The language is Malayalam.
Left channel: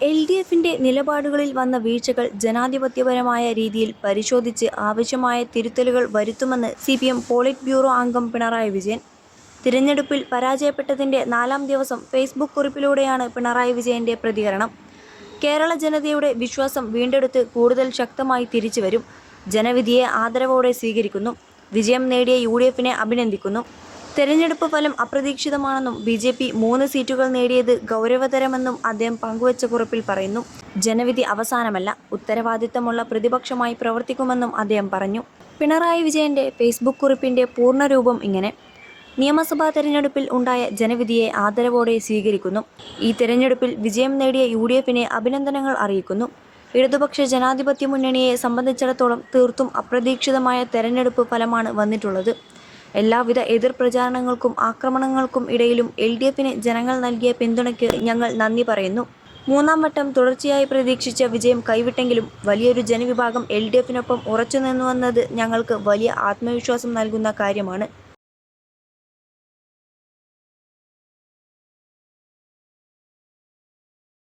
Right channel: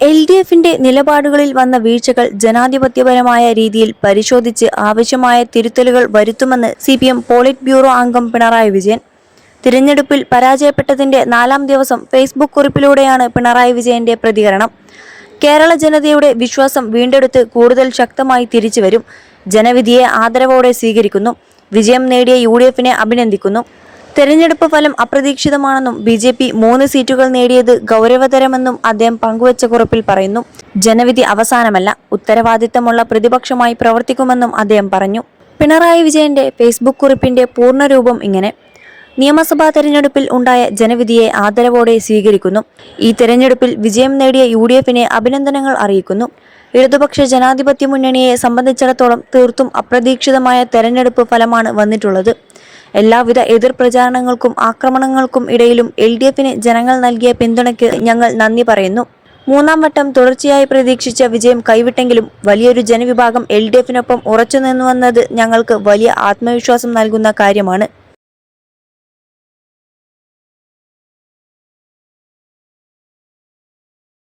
LDFിന്റെ നിലപാടുകളിൽ വന്ന വീഴ്ചകൾ ജനാധിപത്യപരമായ രീതിയിൽ പരിശോധിച്ച് ആവശ്യമായ തിരുത്തലുകൾ വരുത്തുമെന്ന് CPM പോളിറ്റ് ബ്യൂറോ അംഗം പിണറായി വിജയൻ. തിരഞ്ഞെടുപ്പിൽ പരാജയപ്പെട്ടതിന്റെ 4ാം ദിവസം ഫേസ്ബുക്ക് കുറിപ്പിലൂടെയാണ് പിണറായി വിജയന്റെ പ്രതികരണം. കേരള ജനതയുടെ വിശ്വാസം വീണ്ടെടുത്ത് കൂടുതൽ ശക്തമായി തിരിച്ചുവരും. ജനവിധിയെ ആദരവോടെ സ്വീകരിക്കുന്നു. വിജയം നേടിയ UDFിനെ അഭിനന്ദിക്കുന്നു. തെരഞ്ഞെടുപ്പ് ഫലം അപ്രതീക്ഷിതമാണെന്നും BJP 3 സീറ്റുകൾ നേടിയത് ഗൗരവതരമെന്നും അദ്ദേഹം പങ്കുവച്ച കുറിപ്പിൽ പറയുന്നു. ജനവിധി അവസാനമല്ല, ഉത്തരവാദിത്തമുള്ള പ്രതിപക്ഷമായി പ്രവർത്തിക്കുമെന്നും അദ്ദേഹം പറഞ്ഞു. പിണറായി വിജയന്റെ ഫേസ്ബുക്ക് കുറിപ്പിന്റെ പൂർണ്ണരൂപം ഇങ്ങനെ: നിയമസഭാ തെരഞ്ഞെടുപ്പിൽ ഉണ്ടായ ജനവിധിയെ ആദരവോടെ സ്വീകരിക്കുന്നു. ഈ തെരഞ്ഞെടുപ്പിൽ വിജയം നേടിയ UDFിനെ അഭിനന്ദനങ്ങൾ അറിയിക്കുന്നു. ഇടതുപക്ഷ ജനാധിപത്യ മുന്നണിയെ സംബന്ധിച്ചിടത്തോളം തീർത്തും അപ്രതീക്ഷിതമായ തെരഞ്ഞെടുപ്പ് ഫലമാണ് വന്നിട്ടുള്ളത്. എല്ലാവിധ എതിർപ്രചാരണങ്ങൾക്കും ആക്രമണങ്ങൾക്കും ഇടയിലും LDFിന് ജനങ്ങൾ നൽകിയ പിന്തുണയ്ക്ക് ഞങ്ങൾ നന്ദി പറയുന്നു. 3ാം വട്ടം തുടർച്ചയായി പ്രതീക്ഷിച്ച വിജയം കൈവിട്ടെങ്കിലും വലിയൊരു ജനവിഭാഗം LDFിനൊപ്പം ഉറച്ചുനിന്നുവെന്നത് ഞങ്ങൾക്ക് വലിയ ആത്മവിശ്വാസം നൽകുന്ന കാര്യമാണ്.